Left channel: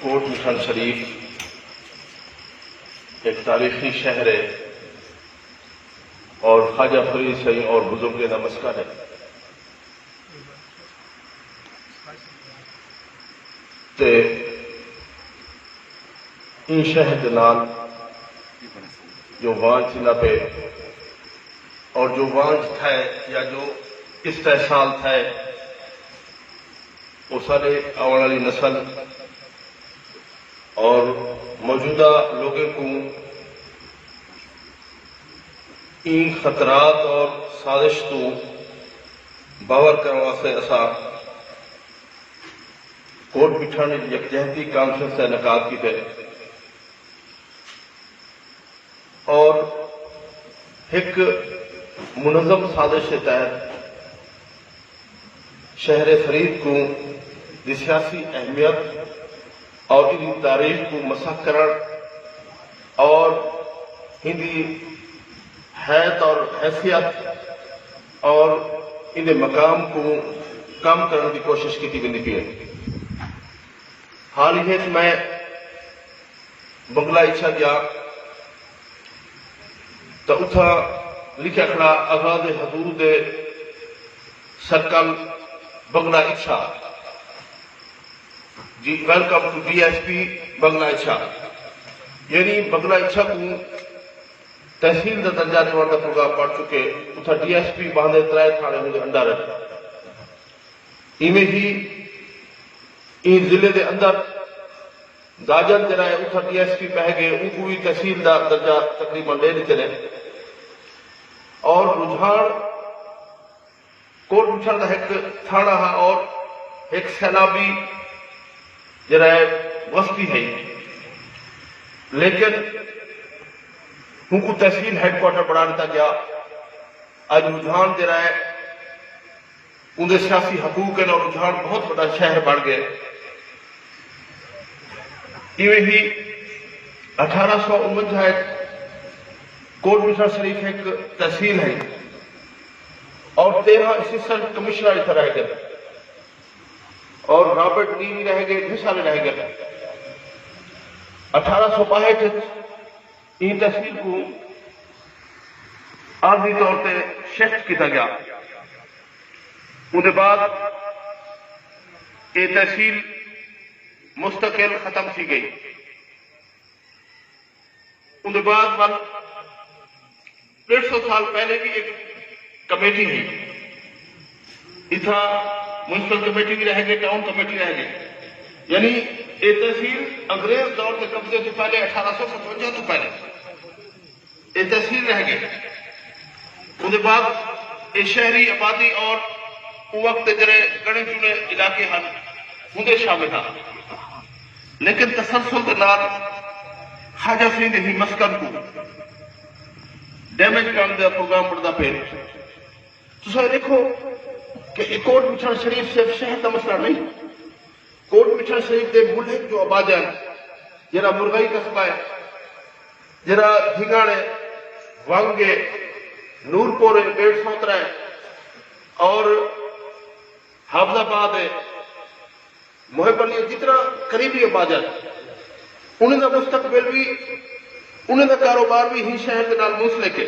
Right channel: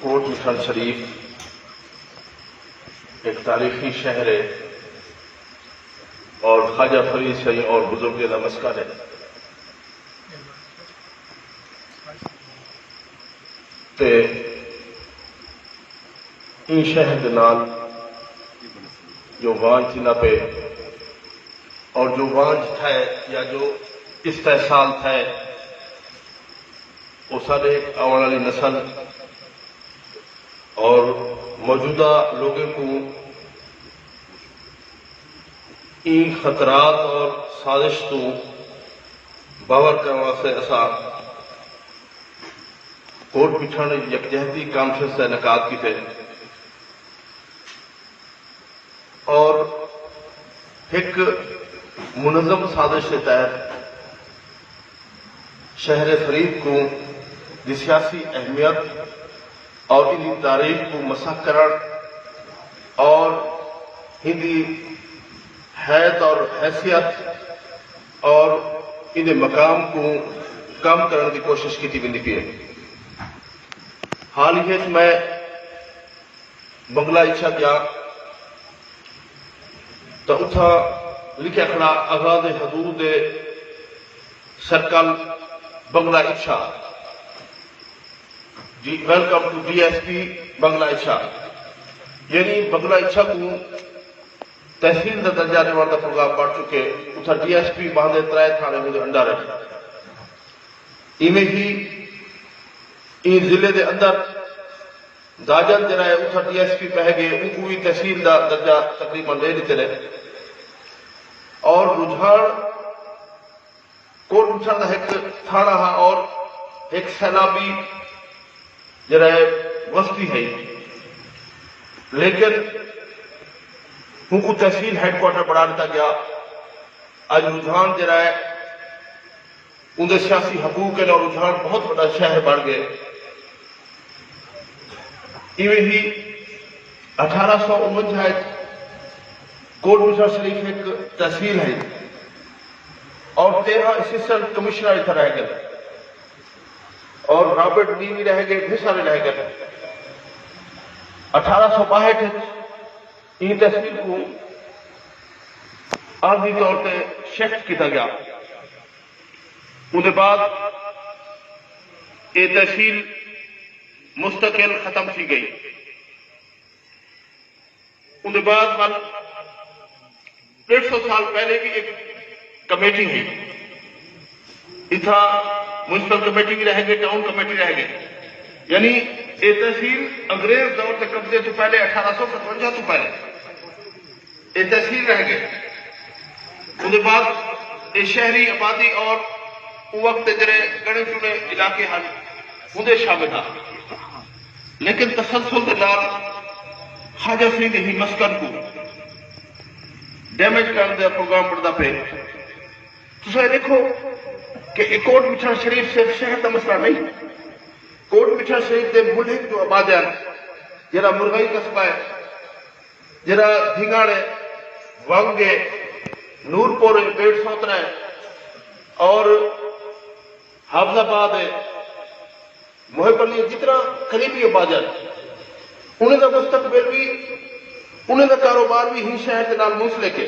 کوٹ مٹھن شریف ایک تاریخی شہر ہے اور خواجہ فرید شاہی اور بزرگ کا مسکن ہے. تے ان شہر کے نال جو وانچ نہ پہ اور جو وانچ تھے یا جو استحصال تھے وہ سارے آنے والی نسل اور موجودہ لوگوں کو ان خطرات اور سازش کو باور کرنے واسطے اسا کوٹ مٹھن یکجہتی کانفرنس کا انعقاد کیتے اور ایک منظم سازش کے تحت شہر فرید کو دی سیاسی اہمیت اور ان کی تاریخ کو مسح کرن اور ان کی حیثیت اور حیثیت اور ان مقام کو کم کرنے کی کوشش کی ویندی پئی ہے. حال ہی میں بنگلہ اچھا گیا تو اتھا لکھا کھڑا آزاد حضور دے سرکل بنگلہ اچھا جی ویلکم ٹو DSP بنگلہ اچھا. یعنی بنگلہ اچھا کو تحصیل کا درجہ دینے کا پروگرام پڑ چکے اتھا DSP باندھے 3 تھانے مجھے انڈر ہے. ہی ان ضلع کے اندر داجن جرائے اتھا DSP پہ گئے ان کو بھی تحصیل کا درجہ تقریباً لے لیتے ہیں اور رجحان کوٹ مٹھن کا ایک تھانہ ہے اور ایک سیلابی جرائے وسطی ہے لیکن ان کو تحصیل ہیڈ کوارٹر بنا دیتا گیا. آج رجحان جرائے اندر سیاسی حقوق کے لئے رجحان بہت بڑا شہر بن گئے. ایویں ہی 1849 کوٹ مٹھن شریف ایک تحصیل ہے اور 13 اسسٹنٹ کمشنر اتنا رہ گئے اور رابرٹ نیوی رہ گئے بھی سارے رہ گئے. 1862 ان تحصیل کو عارضی طور پہ شفٹ کیا گیا. اس کے بعد یہ تحصیل مستقل ختم کی گئی. اس کے بعد 150 سال پہلے بھی ایک کمیٹی ہوئی اتنا میونسپل کمیٹی بھی رہ گئی ٹاؤن کمیٹی رہ گئی. یعنی یہ تحصیل انگریز دور کے قبضے سے پہلے 1857 تو پہلے یہ تحصیل رہ گئی. اس کے بعد یہ شہری آبادی اور وقت جڑے گنے چنے علاقے ہیں ہوں شامل ہیں لیکن تسلسل کے نال خواجہ فرید ہی مسکن کو ڈیمیج کرنے کا پروگرام بنتا پہ. تو دیکھو کہ کوٹ مٹھن شریف صرف شہر کا مسئلہ نہیں. کوٹ مٹھن شریف کے ملک جو آبادیاں جرا مرغئی قصبہ ہے جرا دھیگاڑے وانگے نورپور 150 ہے اور حافظ آباد ہے محب علی جتنا قریبی آبادیاں انہیں کا مستقبل بھی انہیں کا کاروبار بھی ہی شہر کے نال منسلک ہے.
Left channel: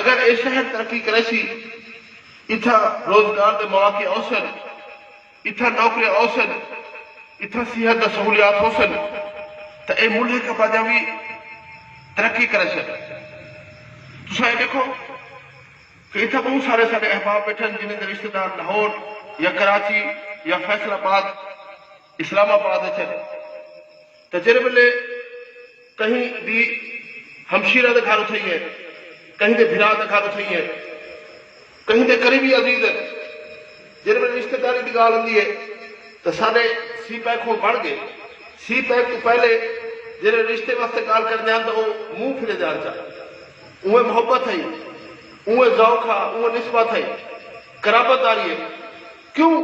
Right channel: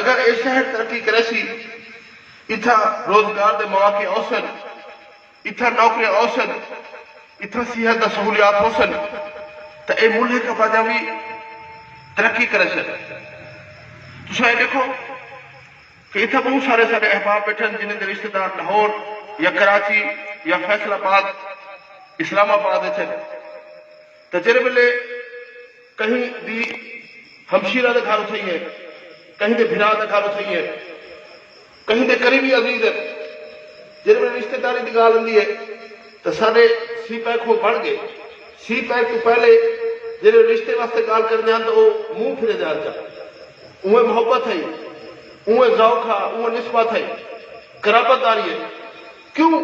اگر یہ شہر ترقی کرے سی اتنا روزگار کے مواقع اوسن اتنا نوکریاں اوسن اتنا صحت کا سہولیات اوسن تو یہ ملک آبادیاں بھی ترقی کرے سن. شاید دیکھو کہ اتنا بہت سارے سارے احباب بیٹھے جنہیں کے رشتے دار لاہور یا کراچی یا فیصل آباد اسلام آباد ہے تو جن ویلے کہیں بھی ہمشیرہ کا گھر اٹھائی ہے کہیں دے بھرا کا گھر اٹھائی ہے کہیں دے قریبی عزیز ہے جن میں رشتے داری کی گال ہوتی ہے تو سارے سی پیک کو بڑھ گئے. سی پیک تو پہلے جن رشتے واسطے گال کرنے ہیں تو وہ منہ پھرے جان چاہتے انہیں محبت ہے انہیں ذوق ہے انہیں نسبت ہے قرابت داری ہے. کیوں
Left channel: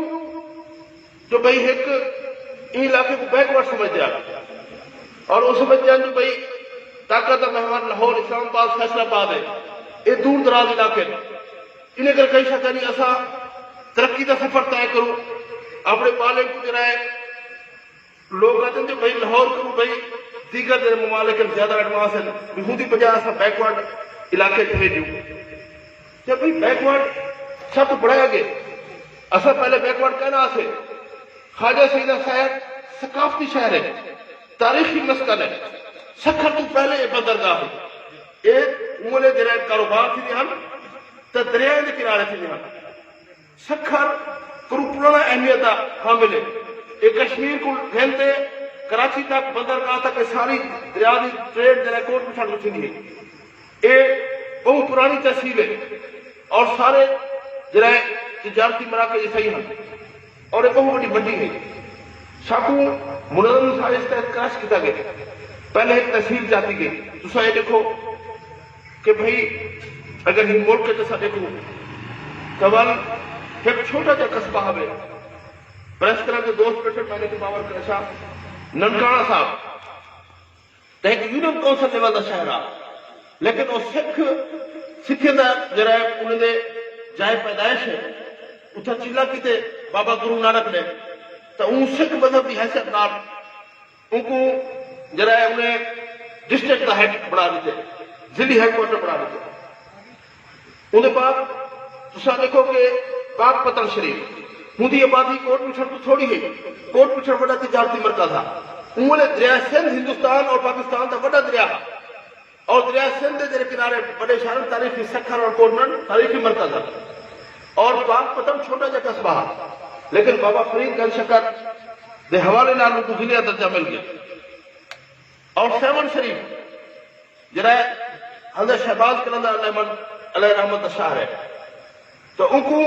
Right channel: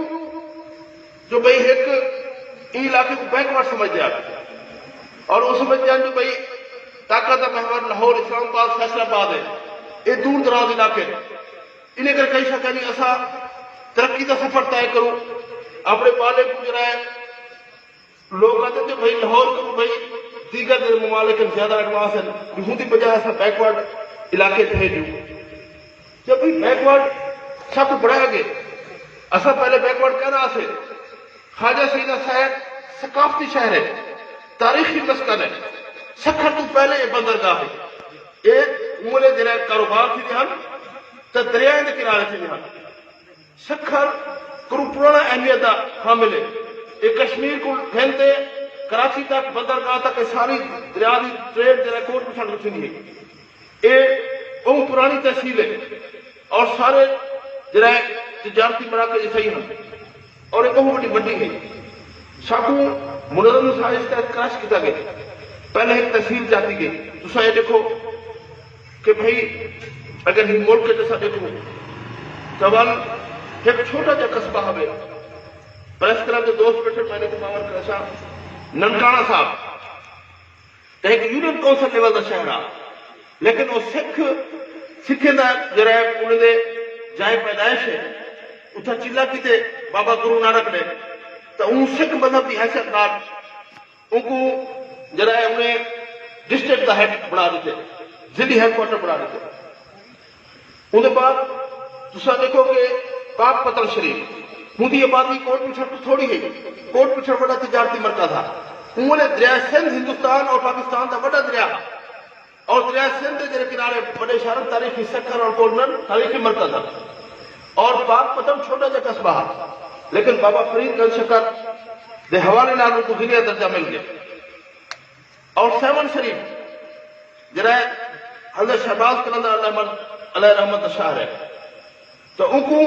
جو بھئی ایک علاقے کو بیکورڈ سمجھتے ہیں اور وہ سمجھتے ہیں جو بھئی طاقت محور لاہور اسلام آباد فیصل آباد ہے یہ دور دراز علاقے انہیں کئی سکتے نہیں ایسا ترقی کا سفر طے کرو اپنے بالغ کو جرائے لوگ کہتے ہیں بھائی لاہور کو بھائی دیگر ممالک زیادہ ایڈوانس ہیں یہودی بجائے ایسا بیکورڈ علاقے بھیجو تو بھائی بیکورڈ سب بڑھا گئے اصا پہلے بیکورڈ کہہ رہا سے خواجہ سیدہ صاحب ثقافتی شہر ہے تاریخی مسکن ہے سکھر تو پہلے یہ بندرگاہ ہے ایک مولے دریا کاروبار تھی ہن تو دریا کے کنارے تھی ہن سکھر کرو پرانا اہمیت حامل ہے یہ کشمیر کو پھیلتے کراچی تک بندرگاہ تک ساری دریا کی ٹریڈ جرا کوٹ پچھڑ تھی ہے یہ بہت پرانی تحصیل ہے اور سارے جرا تجارتی مراکز صحیح ہیں اور یہ بہت بڑی منڈی ہے ساکو منظم سائز کا کاش کیا گیا پہلے ایک تحصیل جاتی گئی دوسرا یہ دیکھو کہ بھائی اگر یہ ملک کے تو دیکھو سوال ایک چھوٹا جا قصبہ ہے پریس طرح کے دوست بیٹھے میں نے باور کرا صاحب ننکانہ صاحب ایک یونین کونسل لیول کا شہر ہے لیکن وہ سکھے کا جڑا انہوں نے جائے پیدائش ہے اتنا چلا کیتے بابا گرو نانک نے تو ان سکھ مذہب کی حیثیت نال ان کو جڑا انہیں ڈسٹرکٹ کا ہیڈ بنا دیتے ضلعی ہیڈ کوارٹر بنا دیتے ان کے بعد دوسرا دیکھو کہ پاک پتن شریف ہوں آبادی کوٹ پچھڑ تو تھوڑی ہے کوٹ پچھڑ بڑا تجارتی مرکز تھا انہوں نے دریا سندھ ہندوستان اور پاکستان کا بڑا دریا اور دریا سندھ کے کنارے بڑے شہر تاریخی سکھر اور کورنر تاریخی مرکز تھا اور پاک پتن چھوٹا جا قصبہ ہے لیکن بابا فرید گنج شکر کے حوالے نال ان کو دنیا درجہ مل گیا اور سیون شریف جرا حضرت شہباز قلندر علیہ رحمت شاہ ہے تو ان کو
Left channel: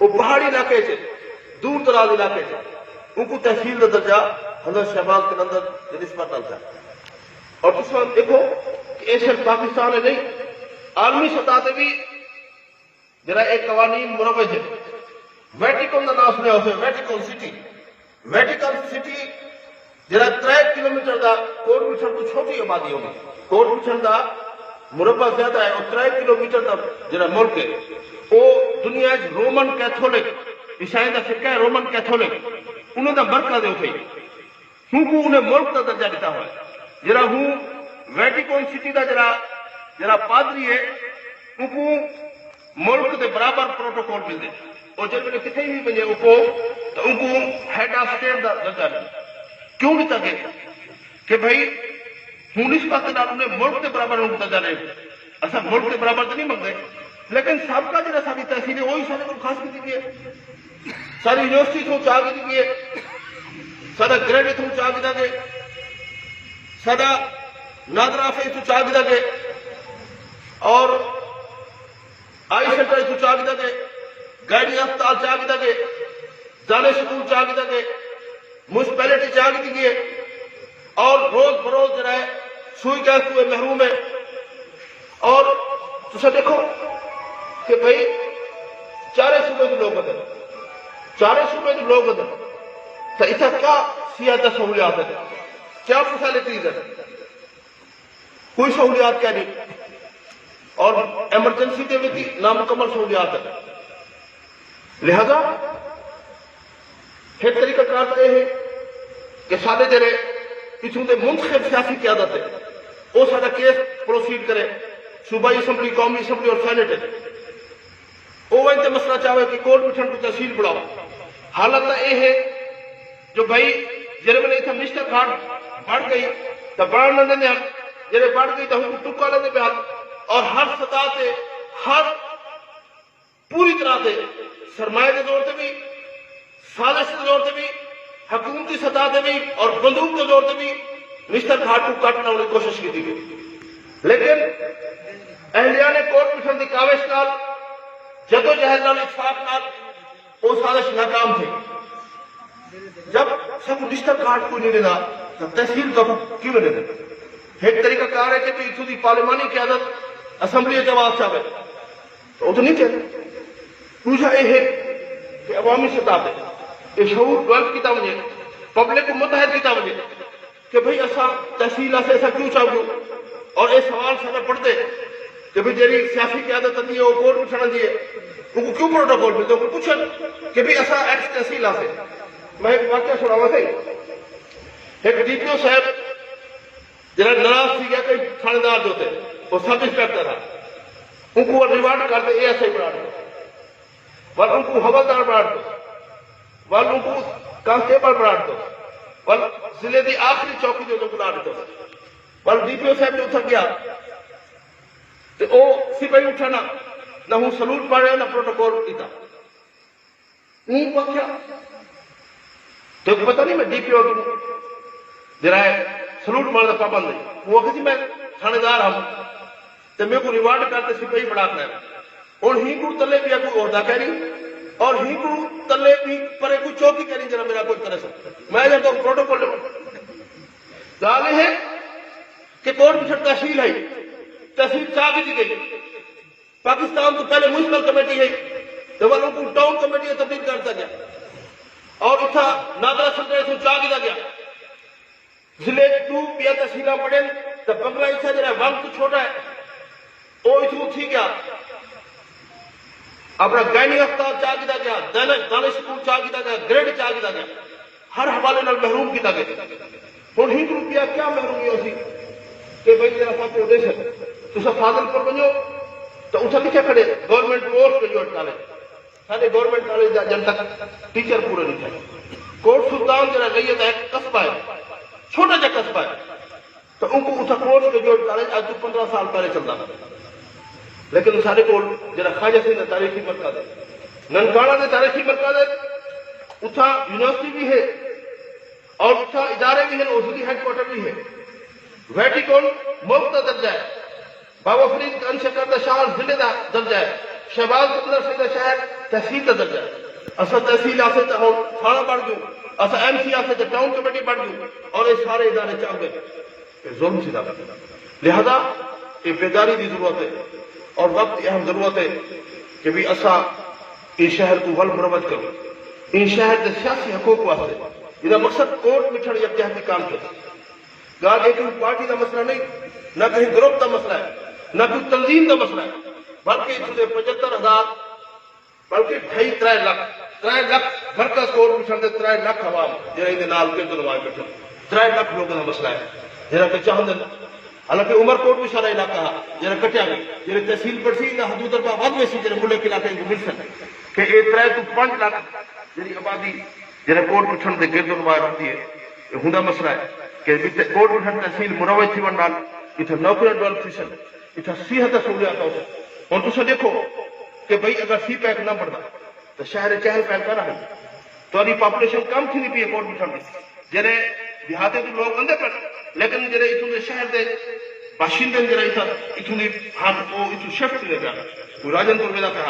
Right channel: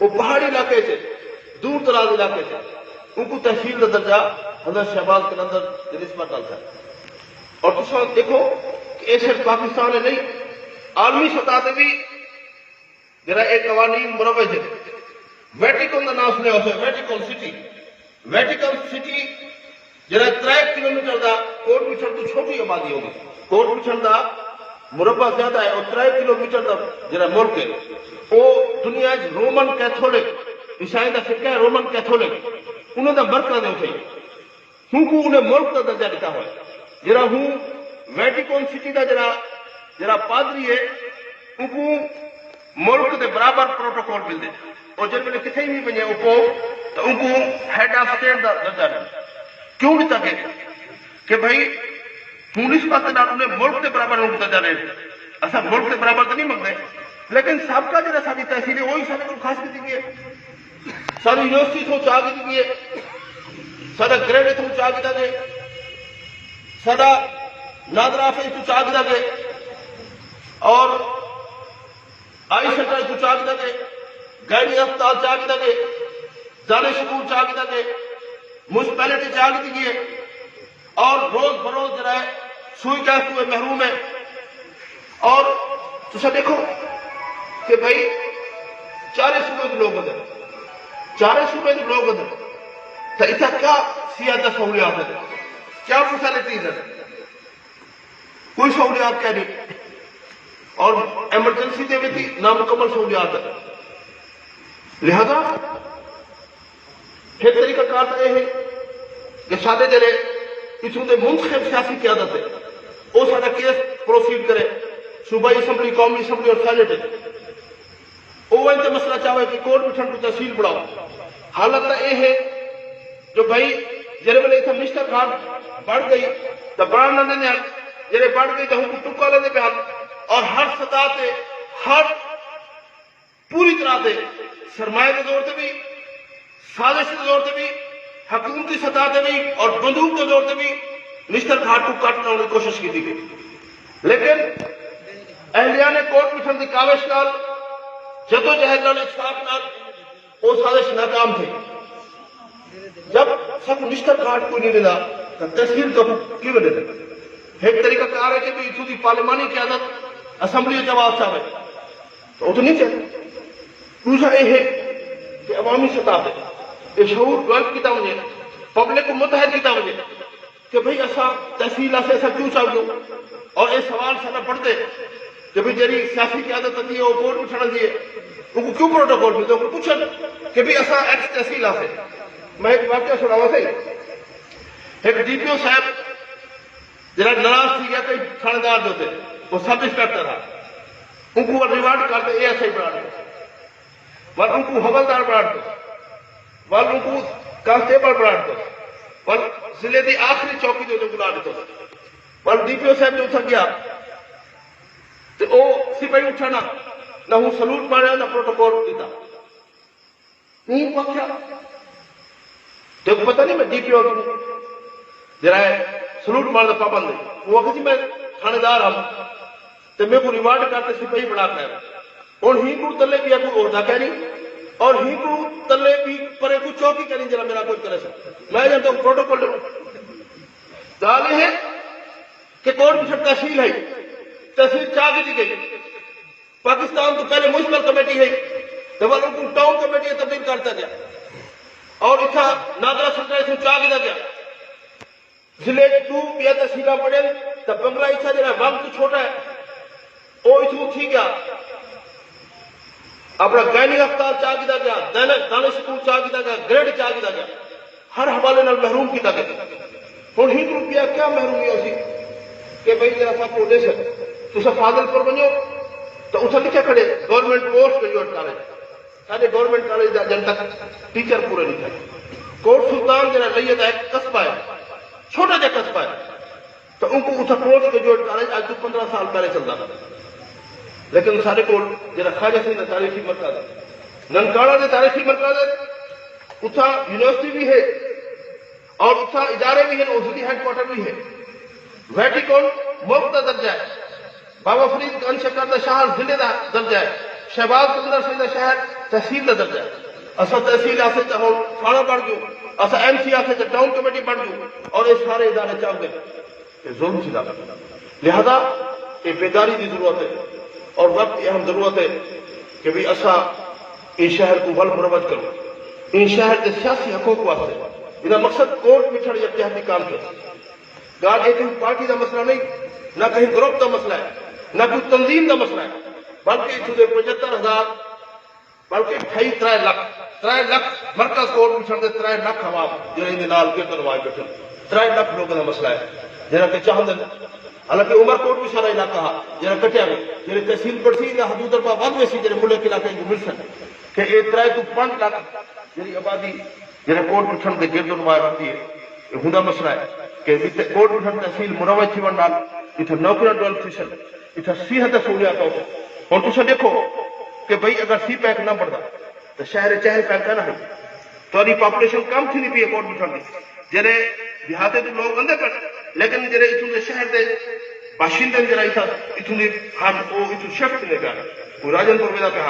وہ پہاڑی علاقے سے دور دراز علاقے سے ان کو تحصیل کا درجہ حضرت شہباز قلندر نسبت ڈالتا ہے اور دوسرا دیکھو کہ یہ صرف پاکستان ہے نہیں عالمی سطح سے بھی جرا ایک قوانین مروج ہے ویٹیکن کا نام سنیا ہو ویٹیکن سٹی جرا 3 کلومیٹر کا کوٹ پچھڑ تو چھوٹی آبادی ہوگی کوٹ پچھڑ کا مربع زیادہ ہے اور 3 کلومیٹر کا جرا ملک ہے وہ دنیا رومن کیتھولک عیسائی کا فرقہ ہے رومن کیتھولک انہوں نے مرکز ہے ہوں کو انہیں ملک کا درجہ دیتا ہوا جرا ہوں ویٹیکن سٹی کا جرا پادری ہے ان کو ملک کے برابر پروٹوکول ملتے اور جب کتنے بھی بنے ان کو ہیڈ آف اسٹیٹ کا درجہ ملتا کیوں بھی تک کہ بھائی ہوں نسبت انہیں ملک کے برابر ان کو درجہ رہے اصا ملک کے برابر تو نہیں منگتے لیکن سب کا جڑا ساری تحصیل ہے وہی سارے خاص کی ہے ساری یونیورسٹی تو چاہ کی ہے سارا گریڈ تو چاہ کیا گئے سارا نادرا تو چاہ کیا گئے اور آئی سینٹر تو چاہ کیا گئے گائنی ہسپتال چاہ کیا گئے زانے سکول چاہ کیا گئے میونسپلٹی چاہ کی گئی ہے اور روز بروز جرا ہے سوئی گیس ہوئے محروم ہے اور تو دیکھو کہ بھائی 4 صوبے کے لوگ ہیں 4 صوبے کے لوگ ہیں تو اس کا کیا سیاحت سہولیات ہے کیا فیسلٹیز ہے کوئی سہولیات کیا نہیں اور ایمرجنسی کے بھی نامکمل سہولیات ہے لہذا ایک طریقہ کار یہ ہے کہ سارے جڑے اتوں کے منتخب سیاسی قیادت ہے وہ سارا کیس پروسیڈ کرے صوبائی اسمبلی قومی اسمبلی اور سینٹ ہے وہ انتے مسئلہ چاہے کہ کوٹ پچھڑ کی تحصیل بڑھاؤ حالت یہ ہے جو بھائی جڑے بنے اتنے منسٹر کھان بڑھ گئی تو بڑھنا دیں جڑے بڑھ گئی تو ہم کو ٹکا لینے پہ اور ہر سطح سے ہر پوری طرح سے سرمایہ کے زور سے بھی سازش کے زور سے بھی حکومتی سطح سے بھی اور بندوق کے زور سے بھی نشتر گھاٹ کو کاٹنا ہونے کی کوشش کی تھی لیکن اہلیان کوٹ پچھڑ کی کاوش نال جدوجہد نال اتفاق نال وہ سازش ناکام تھی جب سب نشتر گھاٹ کو نہیں لینا تو تحصیل تو کیوں ملے گا ایک طریقہ کار ہے کہ اتوں کی پارلیمانی قیادت اسمبلی جواب چاہے تو وہ تو نہیں چلے دوسرا یہ ہے کہ عوامی سطح پہ یہ شعور ڈیولپ کیا وجے پبلک کو متحد کیا وجے کہ بھئی ایسا تحصیل سے ایسا کیوں چاہو اور یہ سوال سارا پڑھتے کہ بھئی جی سیاسی قیادت آتی ہے وہ کوٹ پوچھنا دیے وہ کیوں پروٹوکول ملتے وہ پوچھن کہ بھئی ایسا ایکس تحصیل سے میں ایک واقعہ سناوا سے ایک ڈی پی او صاحب جرا ناراض تھی گیا کہ تھاندار جو تھے وہ سب انسپیکٹر تھا ان کو ریوارڈ کرتے اے ایس آئی بڑھاتے ول ان کو حوالدار بڑھاتے ول ان کو کانسٹیبل بڑھاتے ول ضلع کی آخری چوکی جو بلا دیتے ول ڈی پی او صاحب جو اتر گیا تو وہ سپاہی اٹھنا نہ ہوں سلوٹ مارا نہ پروٹوکول دیتا نہیں پہنچا تو پتہ نہیں میں ڈی پی او جرا سلوٹ مارنا پابند ہے وہ کسی میں تھانے دار ہوں تو میرے کو ریوارڈ کرتے سپاہی بڑھاتا ہے اور ہی کو تلے بھی کوئی عہدہ کہنی اور ہی کو تلے بھی پرے کوئی چوکی کہنی جرا میرا کوئی کرے سو میں جب تو پروٹوکول دال ہے کہ کون بھی تحصیل ہے تحصیل چاہ دی گئی پاکستان تو پہلے میونسپل کمیٹی ہے تو وہ کو ٹاؤن کمیٹی میں تبدیل کرتا گیا اور اتنا نادرا سلطنت سے چاہ دیا گیا ضلع کو پیا تحصیل پڑے تو 15 اچھا جرا گام کو چھوٹا ہے وہ اتنا تھی گیا اپنا گائنی ہسپتال چاہ دیا گیا دانش سکول چاہ دیا گیا گریڈ چاہ دیا گیا ہر حوالے نال محروم کیا گیا ہوں ہی روپیہ کیا محرومی ہو سی کہ بھائی ذرا سا کو دے سکے تو فاضل پر بنو تو اتنا کتنے کھڑے گورنمنٹ کورس گریجویٹ کالج سارے گورنمنٹ کالج جن تک ٹیچر پورے نہیں تھے کوٹ سلطان جرا لئیے ایک قصبہ ہے چھوٹا جا قصبہ ہے تو ان کو اتنا کورس گریجویٹ کالج آج 15 سال پہلے چل رہا تھا لیکن سارے کو جرا خواجہ سید تاریخی مرکز ہے ننکاڑا میں تاریخی مرکز ہے اتنا یونیورسٹی بھی ہے اور اتنا ادارے بھی ہیں اوزلی ہیڈ کوارٹر بھی ہے ویٹیکن ملک کا درجہ ہے بابا فرید کا انشا کردہ شہر ضلع کا درجہ ہے شہباز قدر سیدہ شہر تحصیل کا درجہ ہے اصل تحصیل آسے تو ہم تھانہ بڑھ گئے اصل ایم سی آسے تو ٹاؤن کمیٹی بڑھ گئی اور یہ سارے ادارے چاہ گئے ظلم سی دار لہذا یہ بیداری کی ضرورت ہے اور وقت اہم ضرورت ہے کہ بھی اصا یہ شہر کو ول مرمت کریں ان شہر کے سیاسی حقوق واسطے ان مقصد کوٹ مٹھڑ یا تحتی کام کرے گال ایک کہیں پارٹی کا مسئلہ نہیں نہ کہیں گروپ کا مسئلہ ہے نہ کوئی تنظیم کا مسئلہ ہے بلکہ 75,000 بلکہ 3 لاکھ مرکز کوٹ مٹھڑ دے 3 لاکھ عوام جو ان نال کے دروان بیٹھے 3 لاکھ لوگوں کا مسئلہ ہے جنہاں کہ چاہتے ہیں حالانکہ عمر کوٹ بھی سارا علاقہ جنہاں کٹیا گیا جنہیں تحصیل پڑسی یا حدود پر ود ویسی جنہیں ملک علاقے کو مل سکتے کہ یہ 3 to 5 لاکھ جنہیں آبادی جنہیں کوٹ مٹھڑ دے گرد نمائر ہوتی ہے یہ ہوندا مسئلہ ہے کہ کوٹ مٹھڑ تحصیل مروج تھی ورنال اتنا نوکریاں ڈیولپ تھی سن اتنا صحت سہولیات ہوتے اور تسا دیکھو کہ بھائی اگر سی پیک نہ بڑھتا تو شہر چہل پہل کا نہ ہو تو پاپولیشن کم تھی نہیں پی کوٹ مٹھڑ میں جنہیں دیہاتے تو لوگ اندر پر لیکن جنہیں اتنے شہر دے باشندے جرا اتنے ہاتھ وہ اتنے شفٹ لے گیا کوئی راجن پور وجہ پہ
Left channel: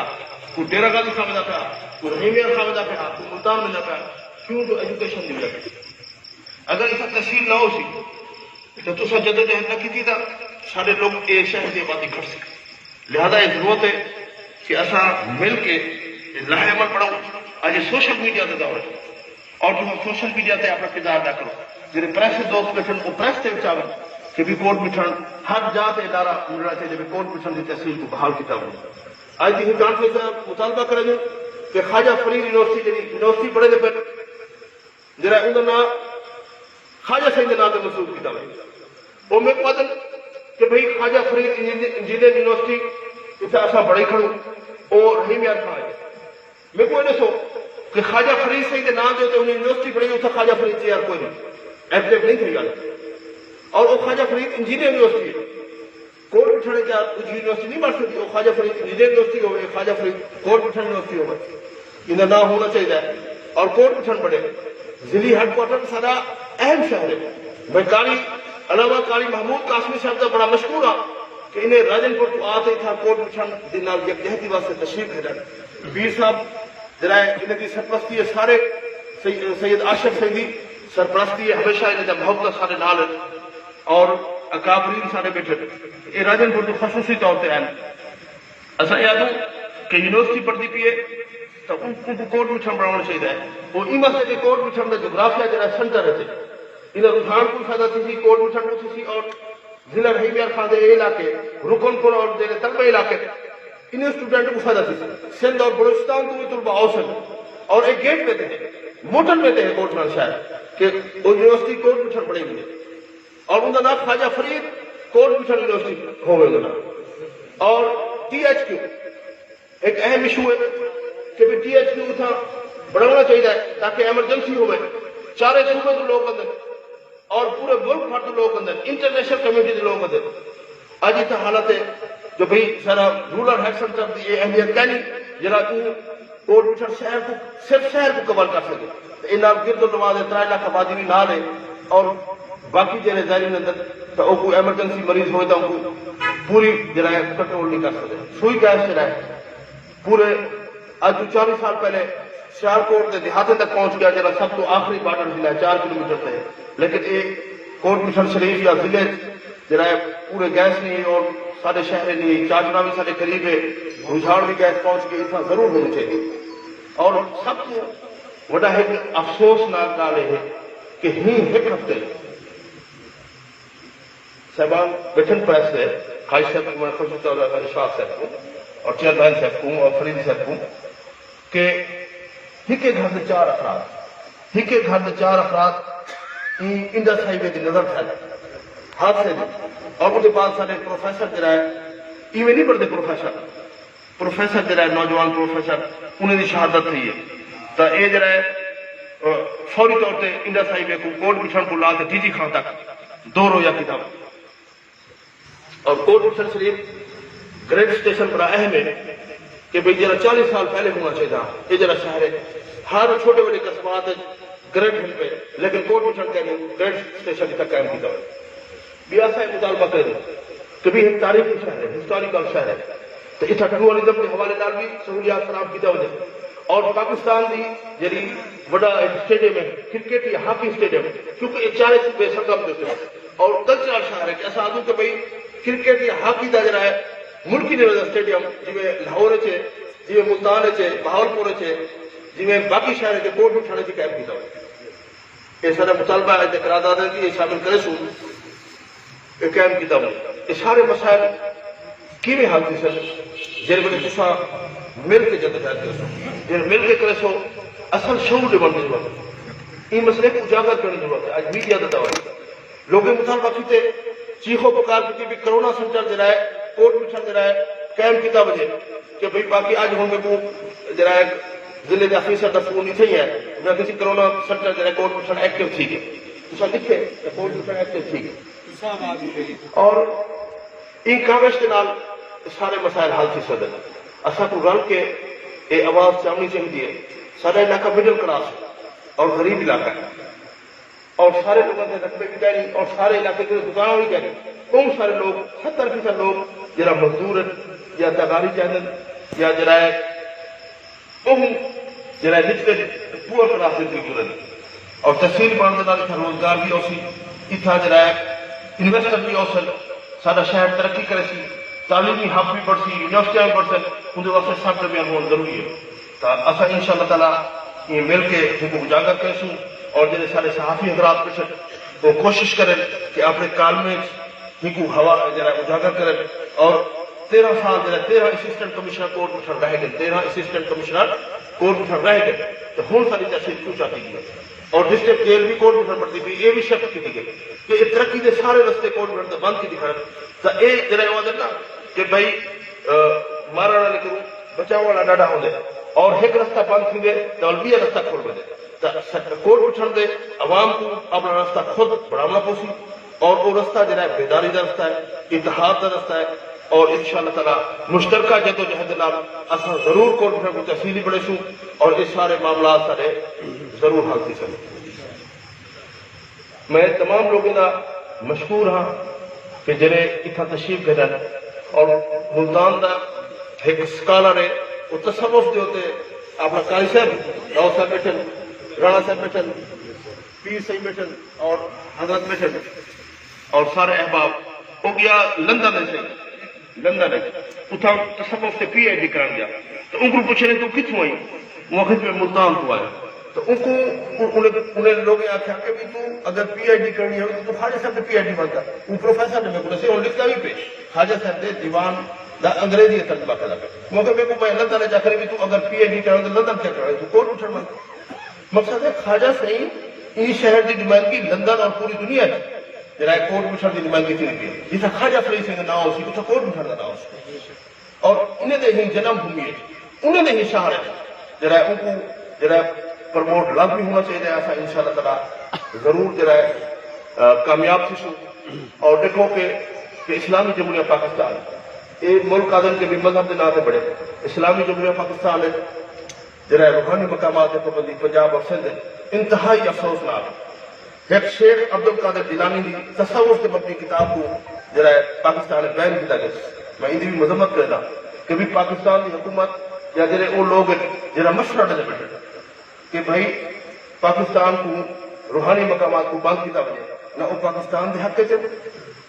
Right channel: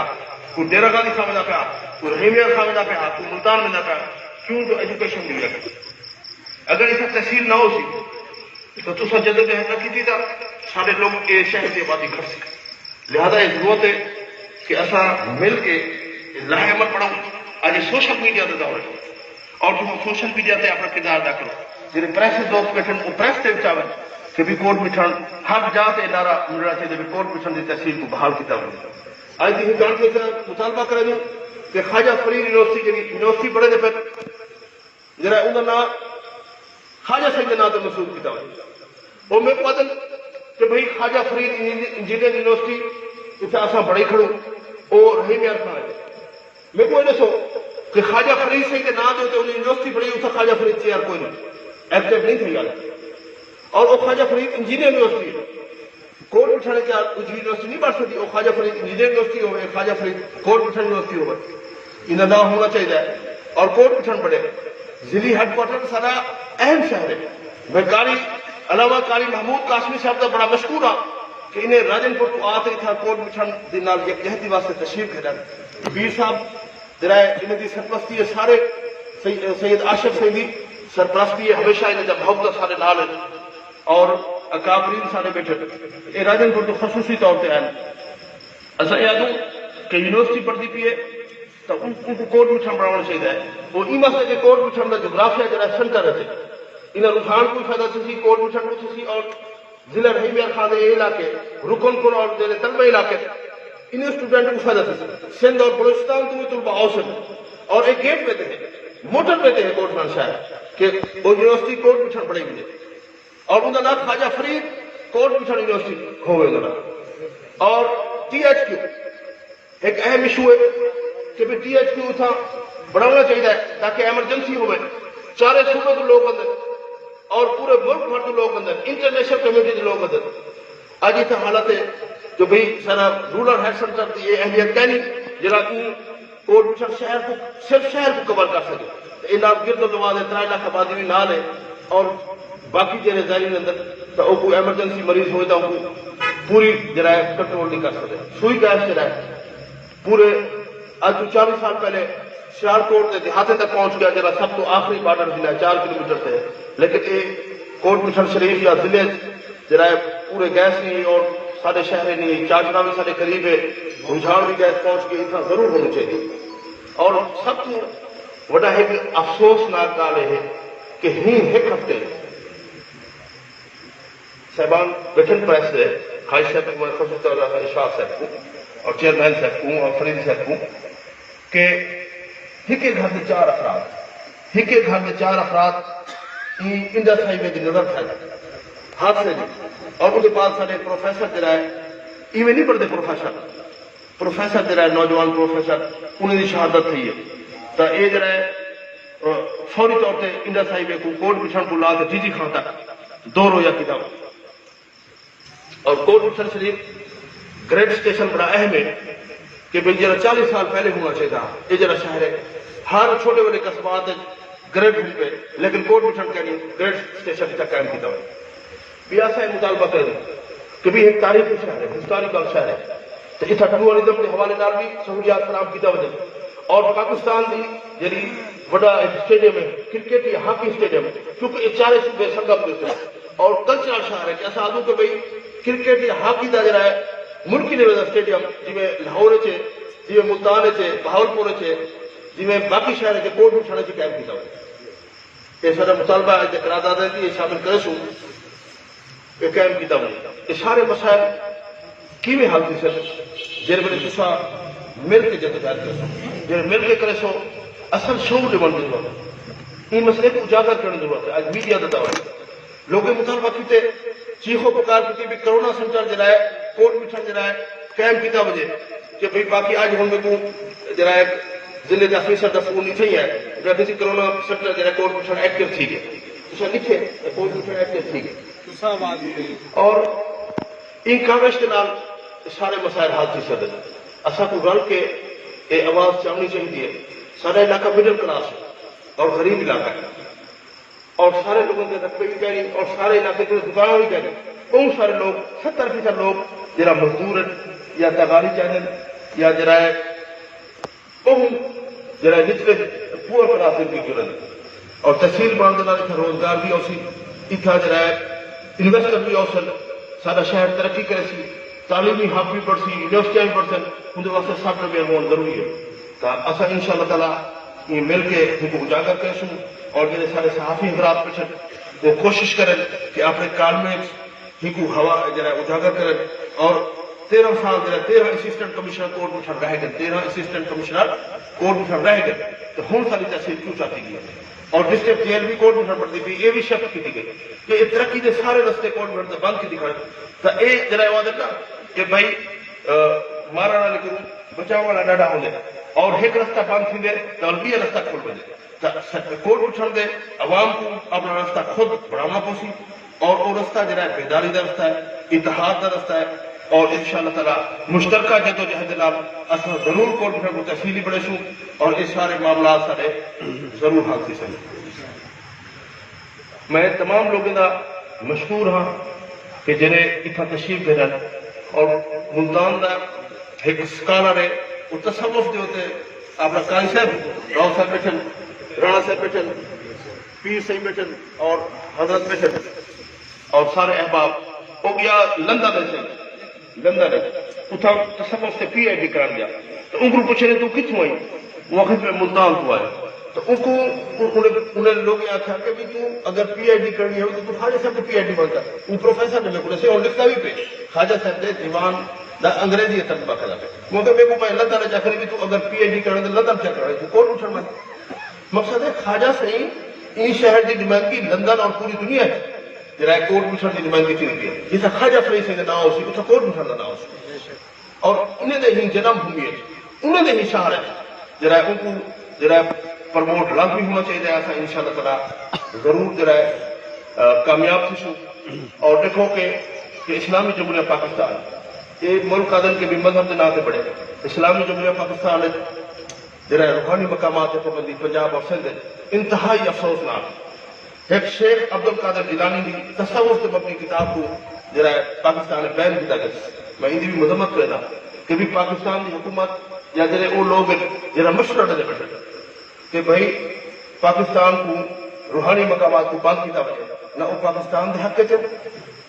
کوئی ڈیرا غازی صاحب وجہ پہ کوئی رحیمیہ صاحب وجہ پہ کوئی ملتان وجہ پہ کیوں تو ایجوکیشن نہیں لگا اگر اس تحصیل نہ ہو سی تو تصا جدوجہد نہ کی تھا سارے لوگ کے شہر کی آبادی گھٹ سکے لہذا یہ ضرورت ہے کہ اصا مل کے لاہمت پڑھو آج سوشل میڈیا سے جاؤ اور جو سوشل میڈیا سے اپنا کردار ادا کرو جن پریس دوست بیٹھے وہ پریس سے چاہے کہ بھی کوٹ مٹھڑ ہر جاتے ادارہ ملنا چاہیے بھی کوٹ مٹھڑ کی تحصیل کو بحال کیا ہو آج بھی کانفرنس سے مطالبہ کریں گے کہ خواجہ فرید یونیورسٹی پڑھے پہ جرا ان نام خواجہ سنگھ کے نام سے مسئول کیا ہو وہ میں پتہ کہ بھائی خواجہ فرید انجینئر یونیورسٹی اتنا اصا بڑی کھڑو اور رحیم یار خان ہے میں کو دسو کہ خواجہ فرید سنگھ کے نام جو یونیورسٹی پڑھی اتنا خواجہ فرید چیئر کوئی نہیں ایبجیکٹ نہیں تھی گل اور وہ خواجہ فرید انجینئر یونیورسٹی ہے کوٹ مٹھڑ کیا یونیورسٹی نہیں بن سکتی وہ خواجہ فرید انجینئر یونیورسٹی ہوئے خواجہ فرید کوٹ مٹھڑ یونیورسٹی ہوئے ان کا نام ہونا چاہیے اور کوٹ مٹھڑ بڑے ضلعی ہیڈ کوارٹر سارا اہم شہر ہے میں قاری علامہ قاری محمود قاسمی صاحب کا بڑا مشکور ہوں کہ انہیں راجن پور کو آتے تھا کوٹ مٹھڑ کے نال یکجہتی واسطے تشریف بھیجا بیر صاحب جرائے ان کی سرپرستی ہے سارے سید آشف سیدی سرپرستی ہے ہمیشہ ان کا محبت سارے نال ہے اور اکابرین سارے بیٹھے یہ راجن پور کے خصوصی طور پہ آئے اصل یادوں کہ یونیورسٹی پڑھتی پی ہے تو ان کو کوٹ مٹھڑ بنانا چاہیے وہ یہ مسئلے کہ کوٹ مٹھڑ کا جغرافیہ جرا سنٹر ہے انہیں رجحان کو فائدہ تھی کوٹ مٹھڑ کو تھی اور ضلع رحیم یار خان یہ علاقے رکن پور اور تلبہ علاقے انہیں اسٹوڈنٹ کو فائدہ تھی سندھ اور بلوچستان کو بھی طلبہ اوسط اور ایک گیٹ پہ تھے موٹر پہ تھے کوٹ مٹھڑ شہر کہ وہ یونیورسٹی کوٹ مٹھن پڑھے گی اور انہوں نے خواجہ فرید کوٹ مٹھن یونیورسٹی ہوئے انہوں نے اور ٹی ایچ کیو ایک اہم ایشو ہے کہ بھی ٹی ایچ کیو تھا بڑھانا چاہیے تاکہ ایمرجنسی ہوئے چارے صوبے کے لوگ اندر اور پورے ملک بھر کے لوگ اندر انٹرنیشنل کمیونٹی کے لوگ اندر آج یہ حالت ہے کہ بھئی سارا رورل ہیلتھ سینٹر کی یہ اہمیت کہنی جرا کوٹ مٹھن شہر کو صرف شہر کو کور کر سکے ان گرد و نواز 3 لاکھ آبادی بھی نہ لے اور باقی جڑے ظاہرین اندر تو وہ کوئی ایمرجنسی مریض ہوئے تو ان کو پوری جرائے کنٹرول نہیں کر سکتے سوئی گیس جرائے پورے آج 40 سال پہلے سیالکوٹ کے دیہاتے تک پہنچ گیا جرا سب تو آخری بارڈر ضلع 4 کلومیٹر سے لیکن یہ کوٹ مٹھن شریف یا ضلع جرائے پورے گیس نہیں اور سارے شہر نہیں چاچڑا بھی سارے قریب ہے رجحان بھی گیس پہنچ کے اتنا ضرور ہونا چاہیے اور سب کو وڈا ایک افسوسناک گال ہے کہ ایک ہفتے صاحبان بیٹھن پریس سے خواہش صاحب اشفاق صاحب کو اور چیئرمین صاحب کو اور فرید صاحب کو کہ ایک گھر سے 4 افراد ایک گھر میں 4 افراد انڈس ہائی وے کی نظر تھا حادثے دی اور اس کے بعد سارے پروفیسر جڑا ہے ایویں نہیں پڑھتے پروفیسر جڑا ہے نوجوان پروفیسر انہیں دی شہادت تھی ہے تو یہ جڑا ہے فوری طور پہ انڈس ہائی وے کو کوٹ مٹھن کو لا کے جی خان تک 2 روزہ کتاب اور کوٹ مٹھن شریف گریڈ اسٹیشن بڑا اہم ہے کہ بھائی جرا 40 سال پہلے ہونا چاہیے یہ جرا شہر ہے ہر چھوٹے بڑے قصبات گریڈ ہل پہ لیکن کوٹ مٹھن کا گریڈ اسٹیشن تک قائم کیا ہوئے بیا صاحب مطالبہ کریں کہ بھی ایک تاریخی شہر ہے ہسٹوریکل شہر ہے تو اتنا ٹیکنالوجی کے حوالے نال بھی سہولیات فراہم کیا وجہ اور پاکستان کی جی وڈا اسٹیڈیم ہے کرکٹ یا ہاکی اسٹیڈیم کیونکہ یہ 4 صوبے سرگرم ہوتے ہیں اور کلچرل شہر ہے کہ ایسا آدھو کہ بھائی کرکٹ یا ہاکی کا جڑا ہے ملکی لیول اسٹیڈیم جی لاہور ہے جی ملتان ہے بہاولپور ہے جی باقی شہر ہے کوٹ مٹھن کی قائم کیا ہوئے یہ سارا مطالبہ ہے قرارداد ہے کہ یہ شامل کرے سو قائم کیا ہوئے یہ سارے مسائل کیویں حل تھی سر جن کو تصا مل کے جدوجہد کرو سو جن مل کے کرے سو اصل شعور ڈبن کی ضرورت ہے یہ مسئلے کو اجاگر کرنے کی ضرورت ہے آج میڈیا کا دور ہے لوگوں مطالبہ کیتے چیخو پکار کی بھی کرونا سینٹر جڑا ہے کوٹ مٹھن جڑا ہے قائم کیا وجہ کہ بھائی باقی آج ہوں کو جڑا ہے ضلع کا فیصد سکول نہیں تھی ہے کسی کرونا سینٹر جڑا کوٹ مٹھن ایکٹیو تھی گئے تو لکھے کوٹ مٹھن ایکٹیو تھی گئے اور ان کاغذ کے نال سارے مسائل حل تھی سکتے اصل کو رل کے یہ آواز چاہنی چاہیے سارا علاقہ مڈل کلاس ہے اور غریب علاقہ ہے اور سارے لوگوں کے رقبے بھی کہہ رہی اور سارے علاقے کے دکانوں بھی کہہ رہی بہت سارے لوگ 70% لوگ جرا مزدور یا تباری چینل یا جرا بہت جرا نچلے پورا کلاس کی گزرن اور تحصیل بڑھنے روزگار بھی اوسی اتنا جرا انویسٹر بھی اوسن سارا شہر ترقی کرے سی تعلیمی حق بھی پڑھ سی یونیورسٹیاں بھی پڑھ سن ان واسطے سخت میں ہونا ضروری ہے تو اصل ان شاء اللہ تعالیٰ یہ مل کے ان کو اجاگر کرے سوں اور جیسے سارے صحافی حضرات پچھل وہ کوشش کریں کہ اپنے کالمے ہی کو ہوا جرا اجاگر کریں اور 13 سال جرا 13 اسسٹنٹ کمشنر کوٹ مٹھن رہ گئے 13 اسسٹنٹ کمشنر کوٹ مٹھن رہ گئے تو ہوں ساری تحصیل کیوں چاہتی گئی اور ڈسٹرکٹ جیل بھی کوٹ مٹھن پڑتی تھی یہ بھی شک کی گئی کہ یہ ترقی کے سارے رستے کوٹ مٹھن بند کی دکھا تو یہ جرا آواز ہے کہ بھائی مارا والا نہیں کروں بچاؤ والا ڈاڈا ہو جائے اور ایک رستہ بند تھی گئے تو بھی رستہ کھول دے کوٹ مٹھن دے عوام کو اپنا رستہ خود بڑھانا پوسی اور وہ رستہ جڑا ہے بیداری کا رستہ ہے اتحاد کا رستہ ہے اور ان شاء اللہ تعالیٰ مشترکہ جدوجہد اصل ضرور کوٹ مٹھن کو تحصیلی بڑھے سوں اور اس سارے معاملات سارے ضرور حل تھی سکیں میں تمام لوگوں کا مشکور ہاں کہ جنہیں اتنا تشریف بھیجن اور ملتان کا ایک سکالر ہے وہ تصوف جو ہوتے اپنا قاری صاحب راؤ صاحب بیٹھن رانا صاحب بیٹھن پیر صاحب بیٹھن اور حضرت بیٹھن اور سارے احباب وہ گیا لندن سے لندن اتنا تصوف سے پی ایچ ڈی کرا گیا تو ان کو پوچھے تو کتوں ہوئی وہ میں ملتان کو آیا تو ان کو انہیں لوگ آخیا کہ تو اگر پی ایچ ڈی کرنی ہو تو خواجہ صاحب نے پی ایچ ڈی بنتا وہ پروفیسر نے میرے کو لکھتا بھی پہ خواجہ صاحب نے دیوان دا انگریزی ترجمہ کرا پہ مگر میرے کو میں اللہ تعالیٰ جا کر بھی تو اگر پی ایچ ڈی کرنا تو لندن کیا کرا تو کوٹ مٹھن میں مقصد ہے خواجہ صحیح ان شہر کی نمائندگی لندن اور پوری دنیا ہے جرائے کوٹ مٹھن کی نمائندگی تھی رکھی ہے جیسے خواجہ فرید سنگھ کا نام اسی اتنا کوٹ مٹھن کا نام اسی اور انہیں دے ہی جنم بھومی ہے انہیں دے ہی شہر ہے جرائے ان کو جرائے پرموٹ لگ بھی ہونا چاہیے ایسا انشاءاللہ تعالیٰ ضرور جرائے کامیاب تھی سو اور دیکھو کہ اسلامی جمہوریہ پاکستان ایک ملک آدم کے بھی مذہب کے نام بڑھے اسلامی جمہوریہ پاکستان ہے جرائے روحانی مقامات کے پابندی پنجاب اور سندھ انتہائی افسوسناک ایک شیخ عبد القادر جیلانی کی تصوف سے مبنی کتاب کو جرائے پاکستان بین کیا گیا میں ان کی بھی مذمت کرتا کہ بھی پاکستان کی حکومت یا جرے وہ لوگ جرا مشورہ نہ رکھے کہ بھائی پاکستان کو روحانی مقامات کو بند کیا وجے نہ وہ پاکستان کے حق چ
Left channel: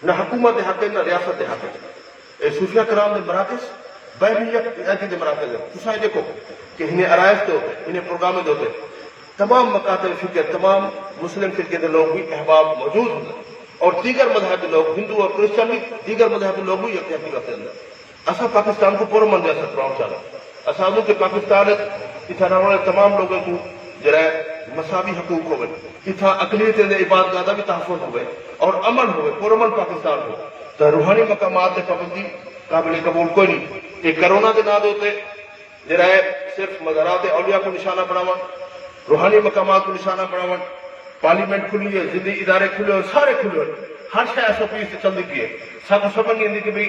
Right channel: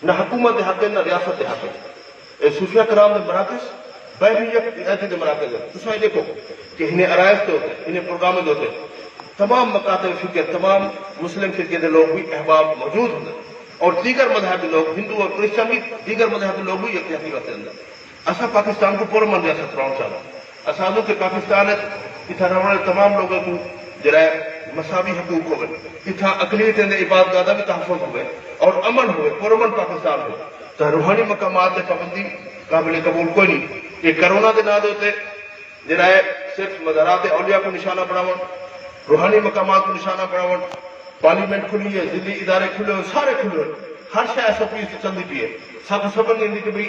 نہ حکومت کے حق نہ ریاست کے حق چ صوفیہ کرام کے مراکز بہبیت کے مراکز ہے تو یہ دیکھو کہ انہیں عرائض کے ہوتے انہیں پروگرام کے ہوتے تمام مکاتب فکر تمام مسلم فرقے کے لوگ بھی احباب موجود ہوں اور دیگر مذہب کے لوگ ہندو اور کرسچن بھی دیگر مذہب کے لوگ بھی یکجہتی رکھتے اندر اصا پاکستان کو پرمن ریاست بنانا چاہتا اسانوں کے پاکستان اتنا رہنے والے تمام لوگوں کو جرائے مساوی حقوق ہوئے اتنا اقلیت عبادت گاہ بھی تحفظ ہوئے اور امن ہوئے پرمن پاکستان ہو تو روحانی مقامات کی پابندی قابل قبول کوئی نہیں یہ کرونا کے نام ہوتے جرائے صرف مزارات اولیاء کو نشانہ بناو روحانی مقامات کو نشانہ بناو پارلیمنٹ کھلی ہے ضلعی ادارے کھلے ہوئے سارے کھلے ہوئے ہر شاید ایس او پی سے چلتی پی ہے ساتھ سمجھ نہیں کہ بھائی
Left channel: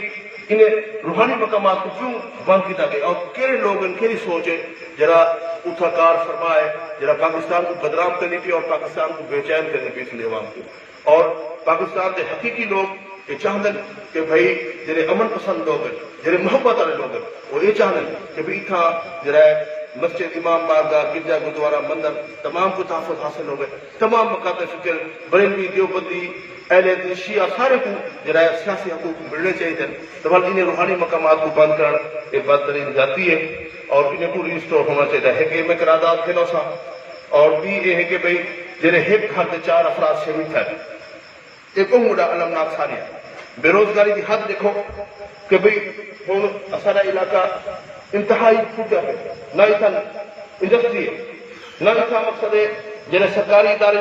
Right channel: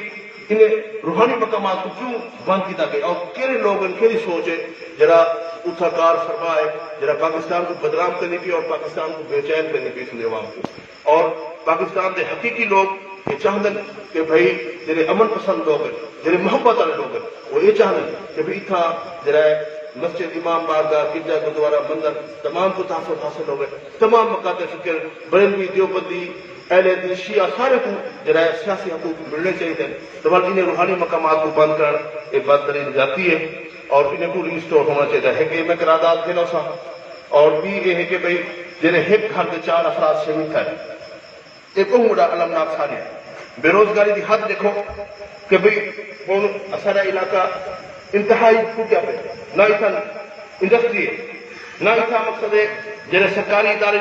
انہیں روحانی مقامات کو کیوں بند کیا گیا اور کہڑے لوگ ان کی سوچ ہے جرا اتھا کار فرما ہے جرا پاکستان کو بدنام کرنی پی اور پاکستان کو بے چین کرنی پی اس لیے عوام کو اور پاکستان کے حقیقی لوگ یہ چاہتے ہیں کہ بھائی جڑے امن پسند لوگ ہیں جڑے محبت والے لوگ ہیں وہ یہ چاہتے ہیں کہ بھائی اتنا جرائے مسجد امام بارگاہ گرجا گردوارا مندر تمام کو تحفظ حاصل ہو گئے تمام مکاتب فکر بریلوی دیوبندی اہل حدیث شیعہ سارے کو جرائے سیاسی حقوق ملنے چاہیے تو بلکہ انہیں روحانی مقامات کو بند کر ایک بدترین جاتی ہے اور انہیں کو ریسٹور ہونا چاہیے ہے کہ میں قرارداد کھیلو سا اور بھی یہ ہے کہ بھائی جنہیں ایک گھر سے 4 افراد شہید ہے ایک مڈا المناک ساری بے روزگاری کی حد دیکھو کہ بھائی ہوں اصل علاقہ انتہائی پوجا پہ نہ اتنا انڈسٹری نہ اتنا مقصد ہے جنہیں سرکاری ادارے